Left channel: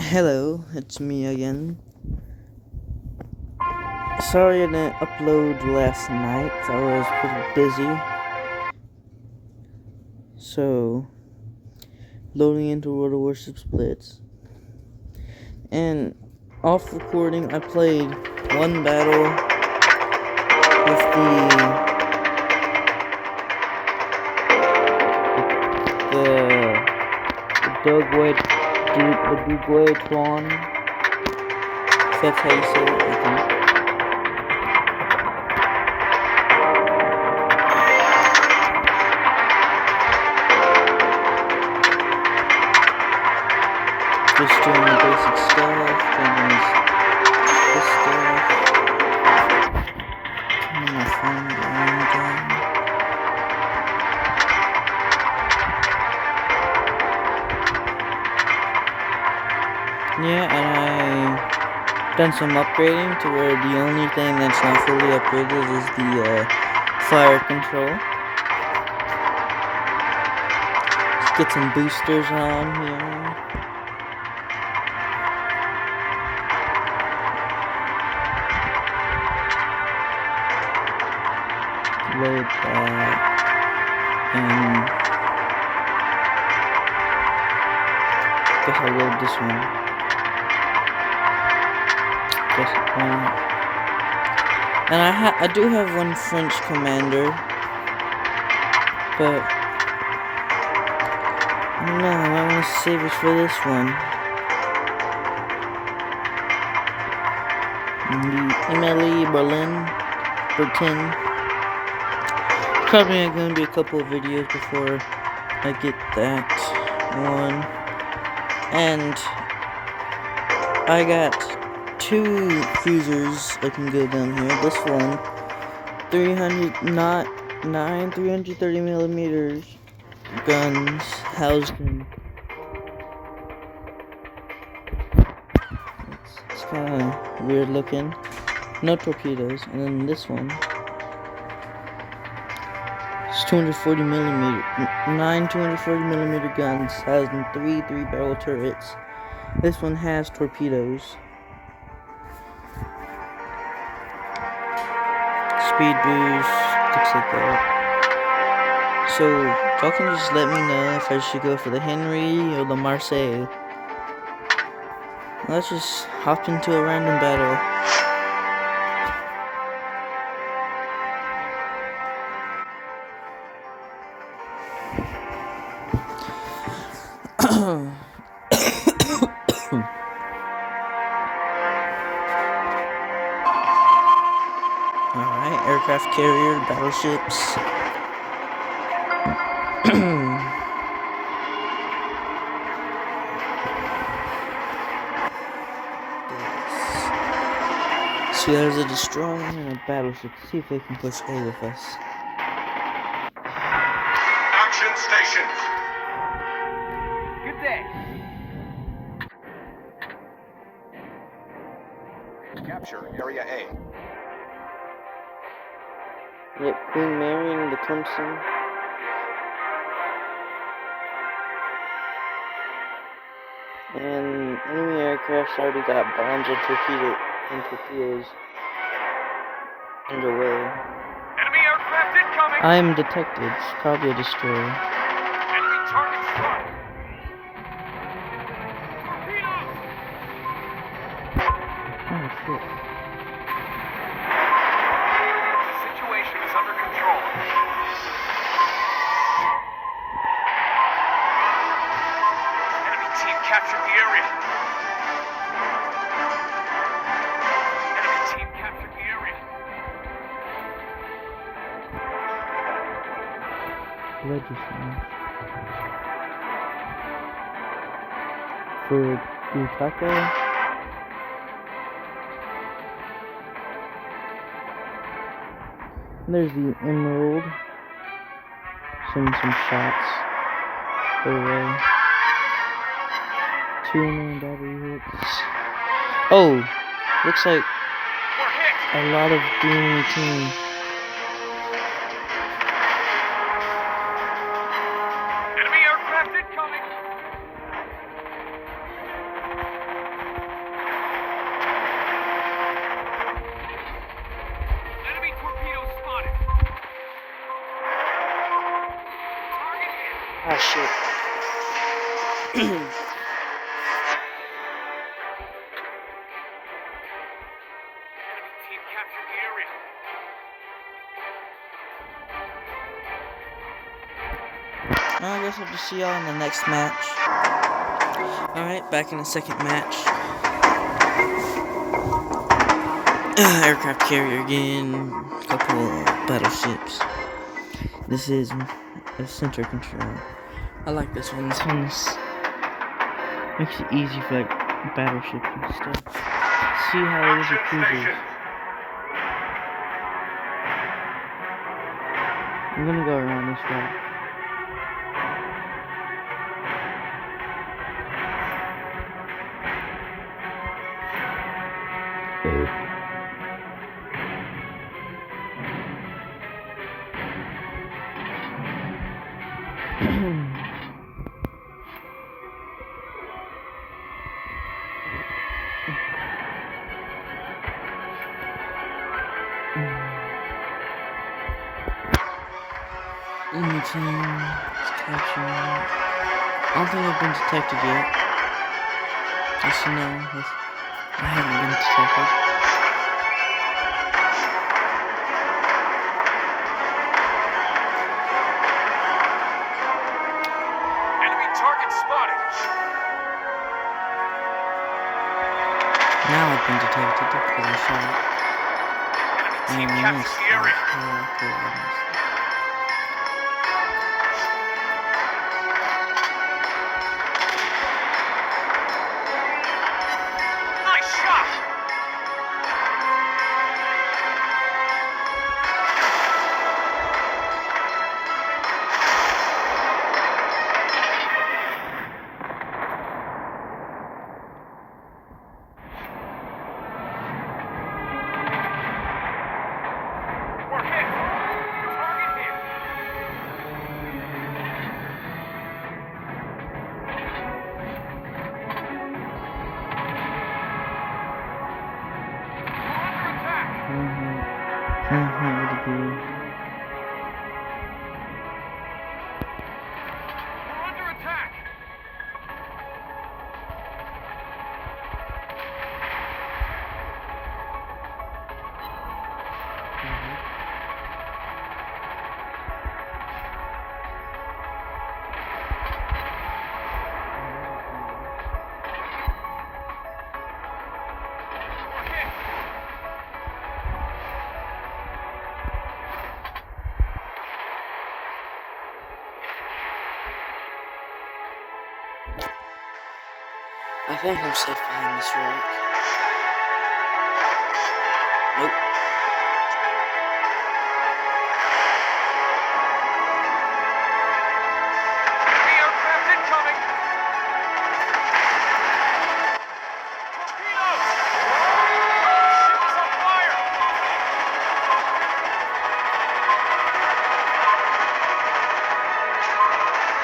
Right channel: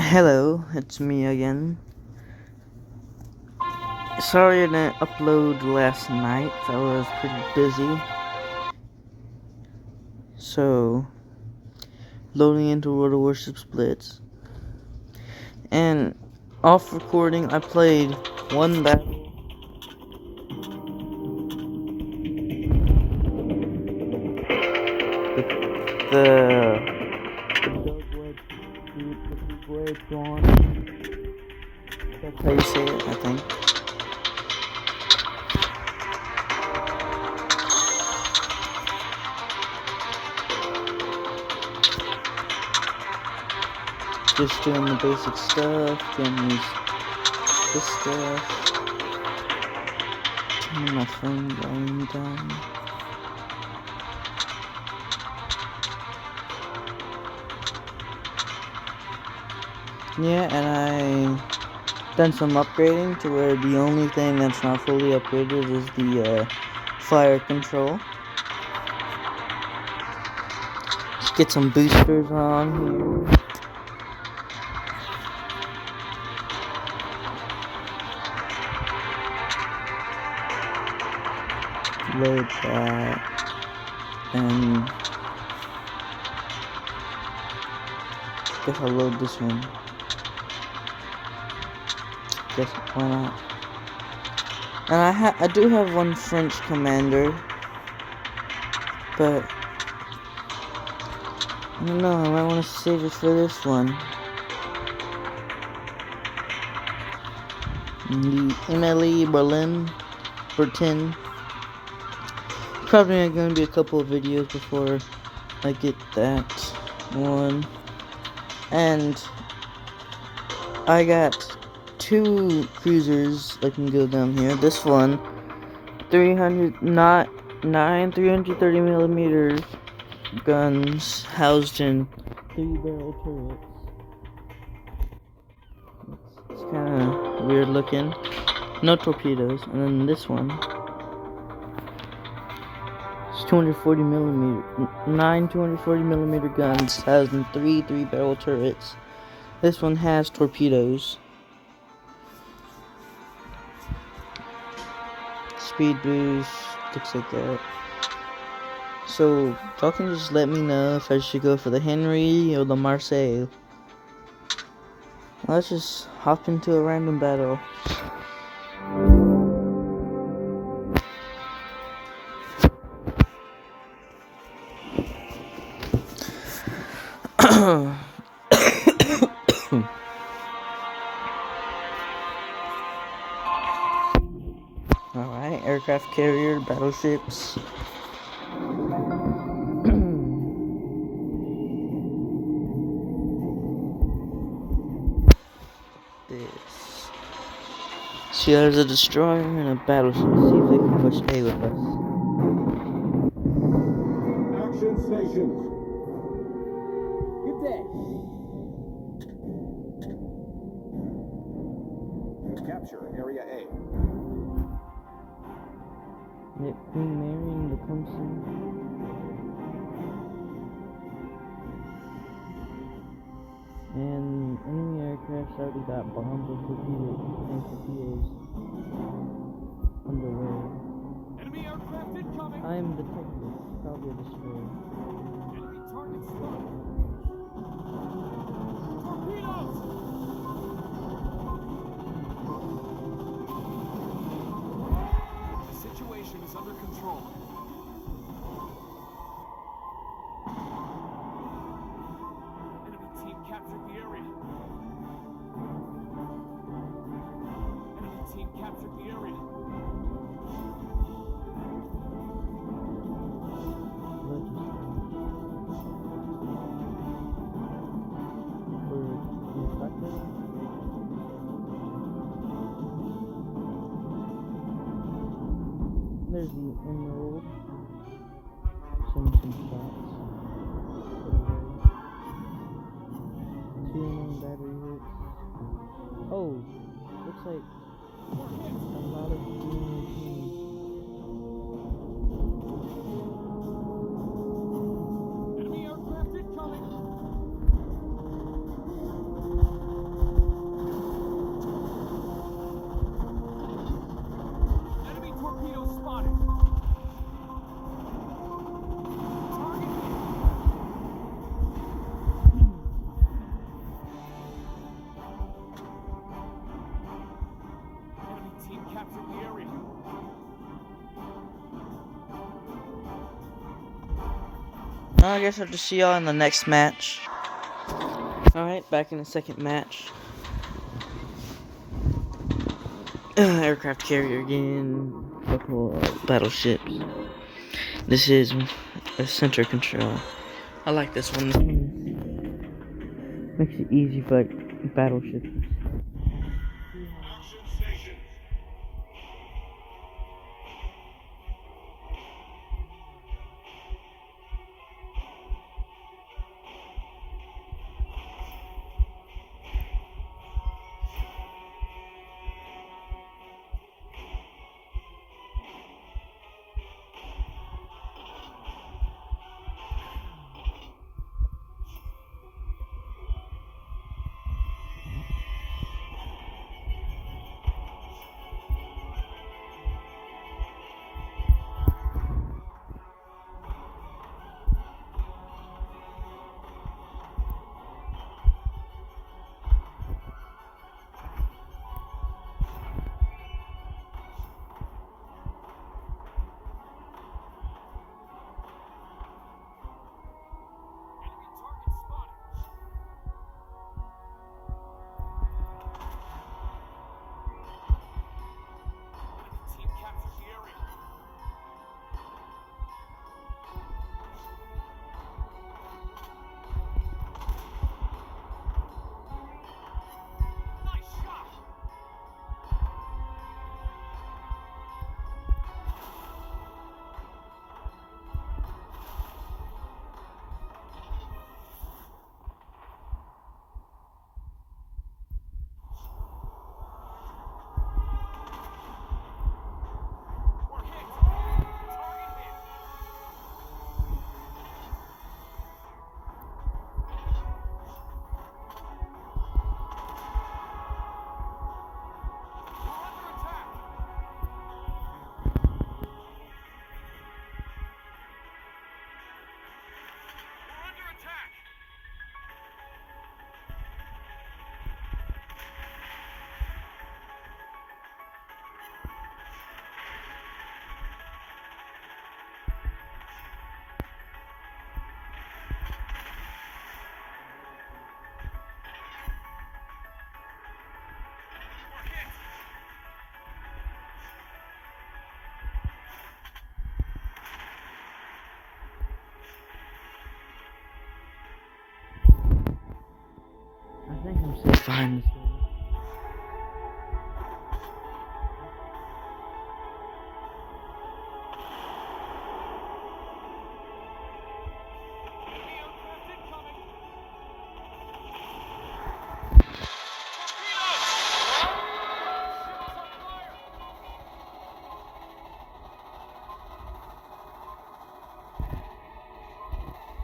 Hello, it's me again. Sorry I didn't upload last night. I was pretty busy. So, loading into World of Warships Blitz. And off recording, I played one battle with the Dugway Twan. If that's how you say it, I think. Just doing the basic stuff, doing this stuff. Turning my phone down. Yeah, and I done some upgrading to where the only thing that's not fully upgraded is the fire control. Let's get some boosters on here. Load that, and guess I'll load this one. Guess why not? And I do have one French commander, but no, I might want to save it for this one. Emily Berlin. Probably going to be a couple of videos before I get that one. And I got two cruisers that can go down here. This one, 330 millimeters guns housed in 3 barrel turrets. It's kind of weird looking. No torpedoes. And then this one. 240 millimeter, 240 millimeter guns housed in 3 barrel turrets. This one has torpedoes. Speed boost, looks like that. So, y'all can just let me know if I should go for the Henry or the Marseille. Let's just hop into a random battle. Alright, aircraft carrier, battleships. See, there's a destroyer and a battleship. See if they can push A with us. Action stations. Good day. Capture Area A. Yep, Queen Mary and the Clemson. And enemy aircraft's already got bombs and torpedoes underway. Enemy aircraft incoming. I am detected. It's probably a destroyer. Enemy target spotted. Torpedoes. Oh shit. The situation is under control. Enemy team captured the area. Enemy team captured the area. Legislation. For Kusaka. There's the Emerald. Sending some shots their way. 2 main battery hits. Oh, looks like We're hit. a lot of enemy team. Enemy aircraft incoming. I guess I'll just see y'all in the next match. Alright, back in the second match. Aircraft carrier again. Couple of battleships. This is a center control. I like this one. This one's makes it easy for like battleships and stuff. See how it is with cruisers. I'm gonna go around this way. Detection. I don't think I've been detected yet. Yes, no, I haven't been detected. Enemy target spotted. Now I've been detected because I saw it. Enemy team captures the area. Nice shot. We're hit. Target hit. We're under attack. We're under attack. We're hit. I think I'm safe behind this rock. Nope. Enemy aircraft incoming. Torpedoes! Ship is on fire!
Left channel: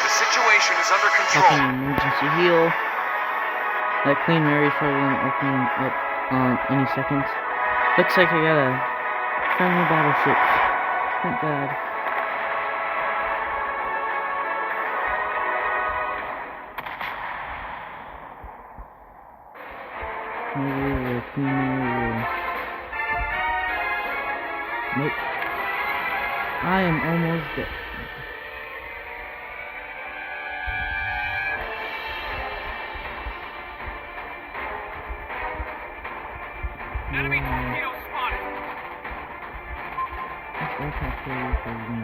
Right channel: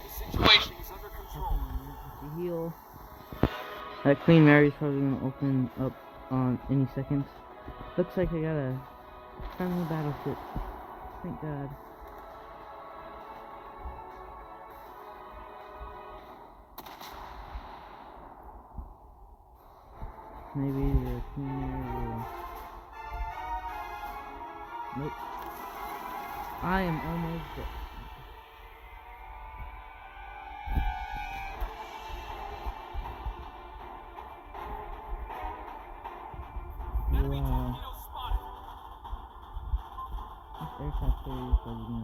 The situation is under Open control. emergency heal. That Queen Mary's probably gonna open up any second. Looks like I got a friendly battleship. Thank God. Maybe the Queen Mary will... Nope. I am almost dead. Enemy torpedoes spotted. This aircraft carrier for me.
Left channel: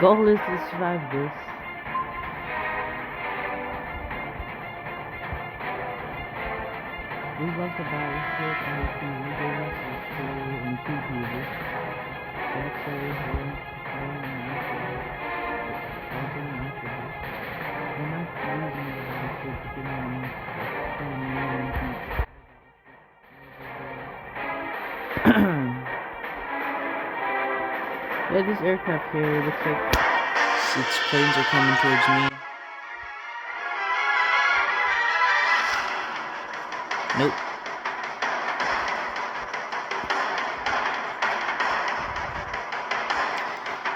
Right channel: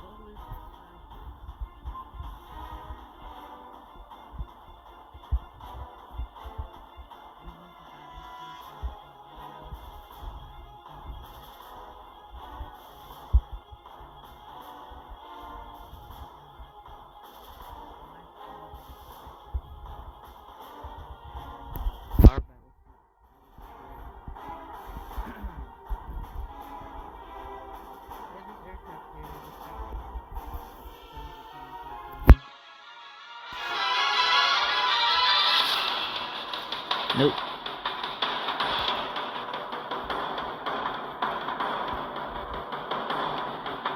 Goal is to survive this. We lost a battleship and we can rebuild it in 2 pieces. That's very hard. Yeah, this aircraft carrier looks like its planes are coming towards me. Nope.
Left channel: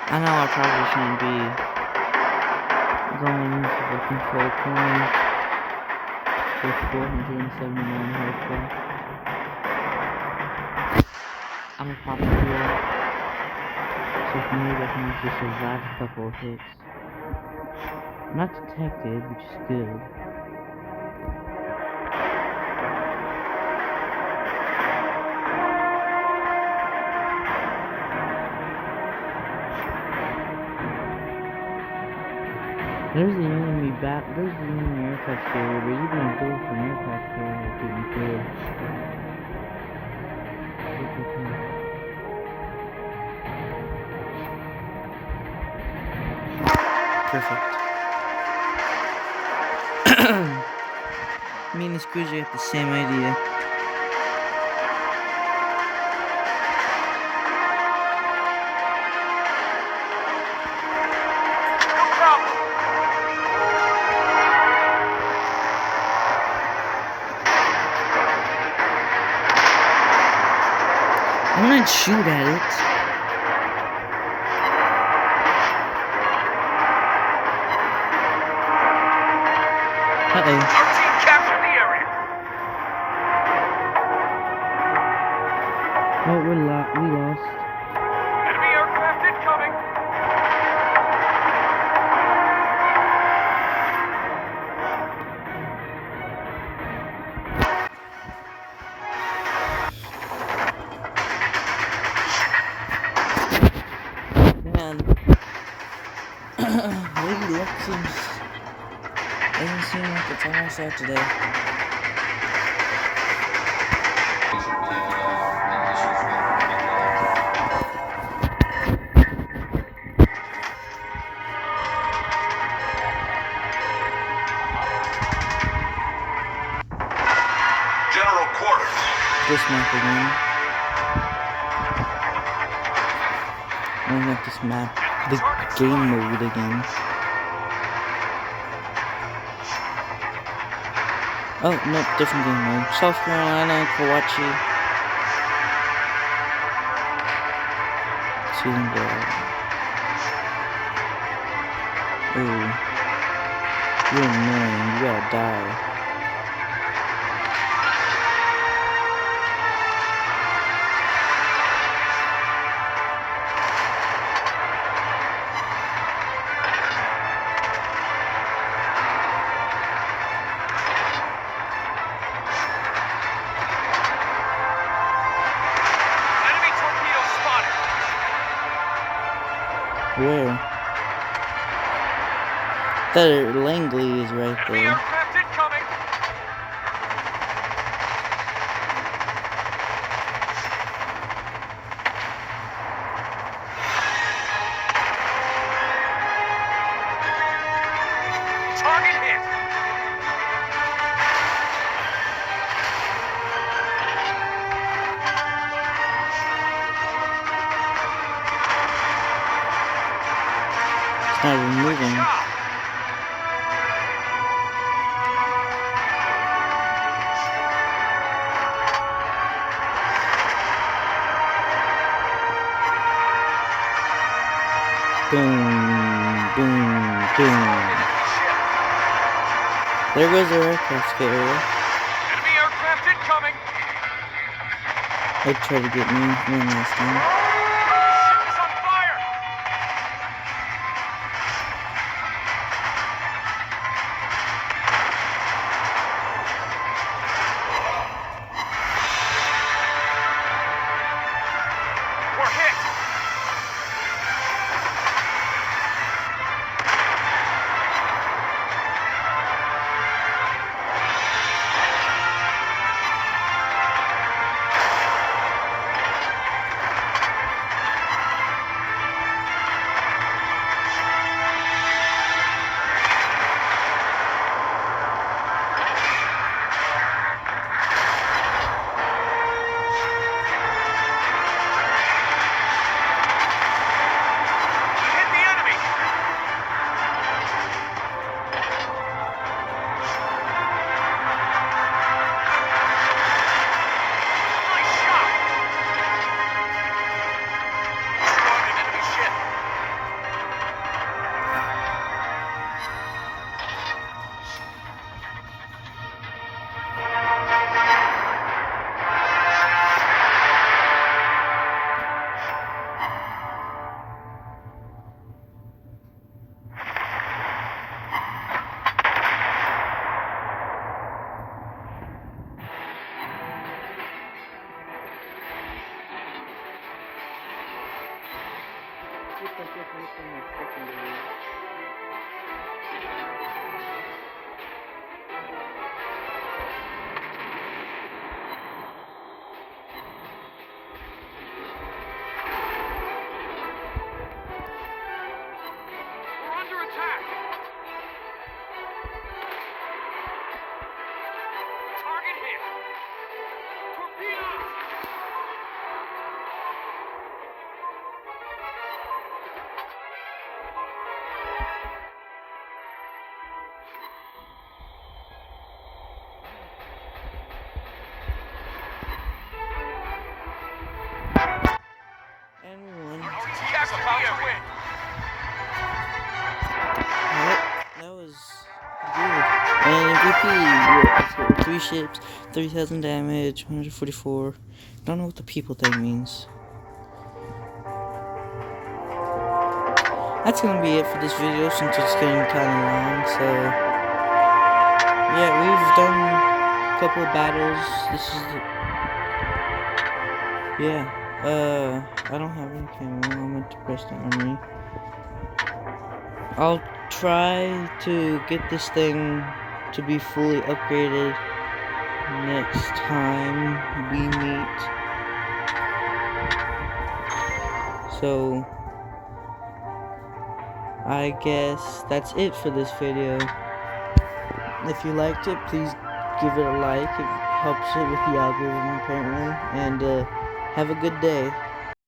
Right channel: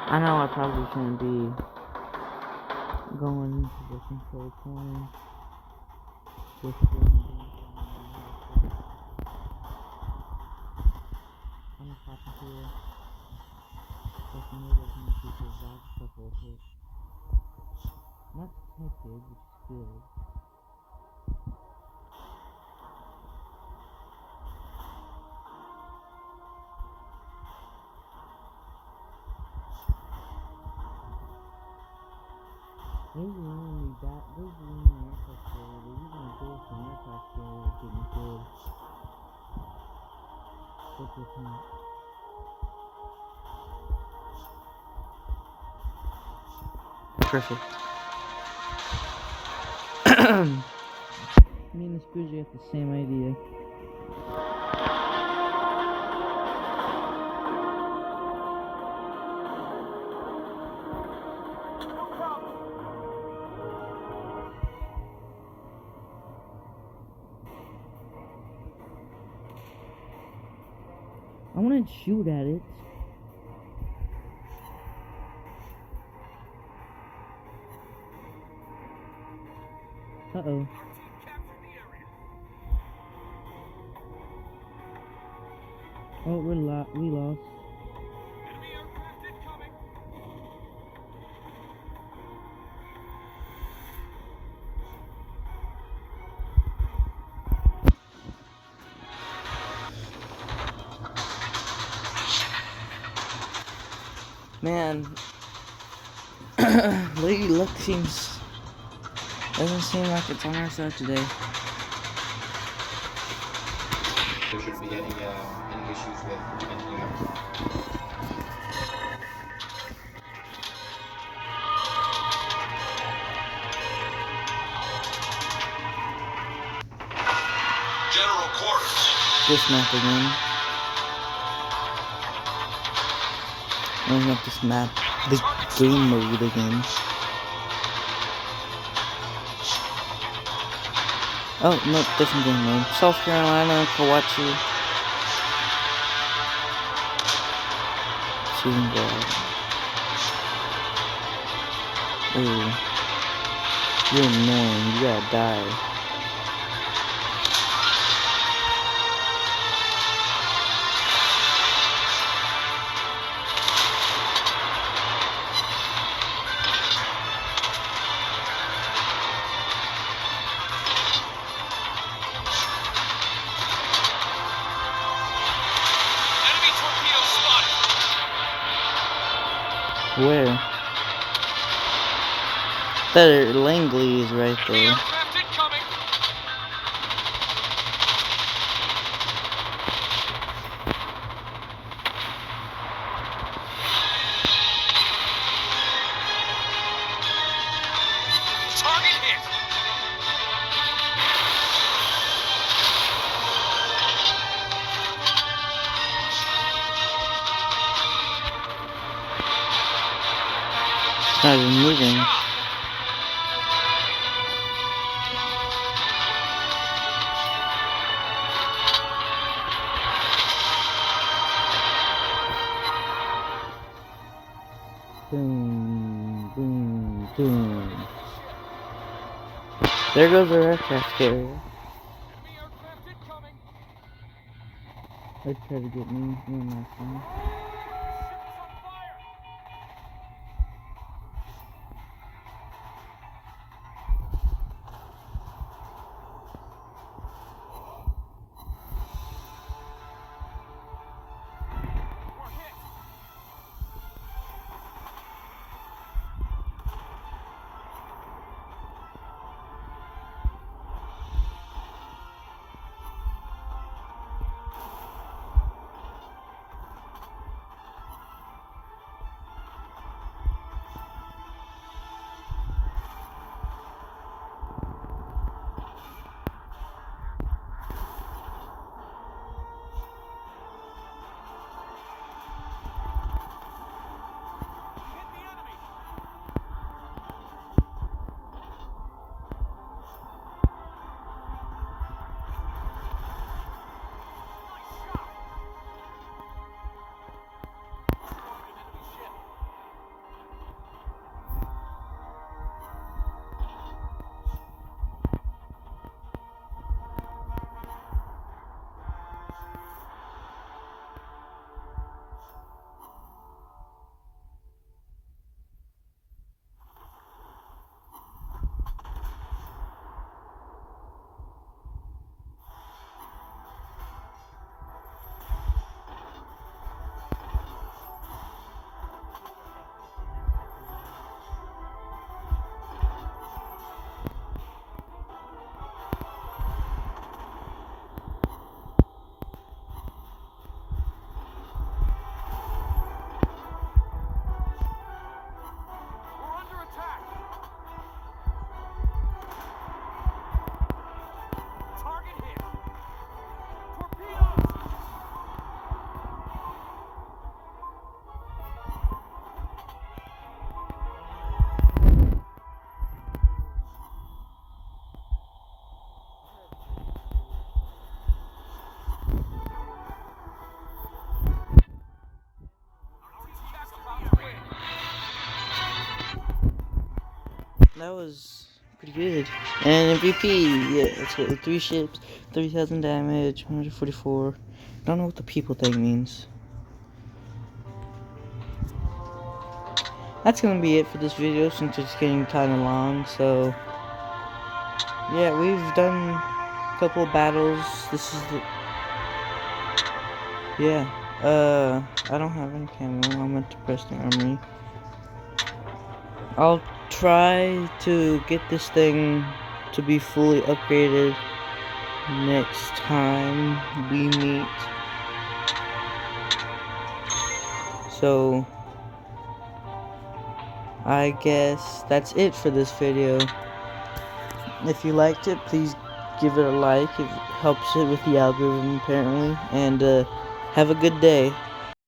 I know I probably shouldn't be going to the control point with 479 horsepower. I'm gonna pop it here. with me that means to survive a couple of hits. Not detected, which is good. There's the enemy aircraft carrier, but even a goal from aircraft carrier couldn't kill. Look at him. Perfect. Me and this cruiser have the same idea. No problem. I'm gonna shoot at it. Uh-oh. Our team captured the area. Oh, we lost. Enemy aircraft incoming. Man, Lady Luck doesn't seem like it's on our side today. General quarters. This map again. I don't like this map. The game mode again. Oh, no, different game mode. South Carolina, Kawachi. See them go out. Ooh. You're annoying. You gotta die. Enemy torpedo spotted. Where? That Langley is right Enemy there. aircraft incoming. Target hit. It's not even moving. Good job. Boom, boom, boom. Enemy ship. There goes our aircraft carrier. Enemy aircraft incoming. They tried to get me one last time. Ship is on fire. We're hit. that was pretty good. And MVP, yeah, so 3 ships, 3,000 damage, 144. Don't know what the people thing means. That's gonna be it for this video since it's getting kind of long. So yeah, we've done a couple of battles. This is the I don't have any camo. I meant to press the armory. I'll try to get this thing to be fully upgraded next time we meet. So I guess that's it for this video. If you liked it, please give it a like. It helps it with the algorithm apparently. And have a good day.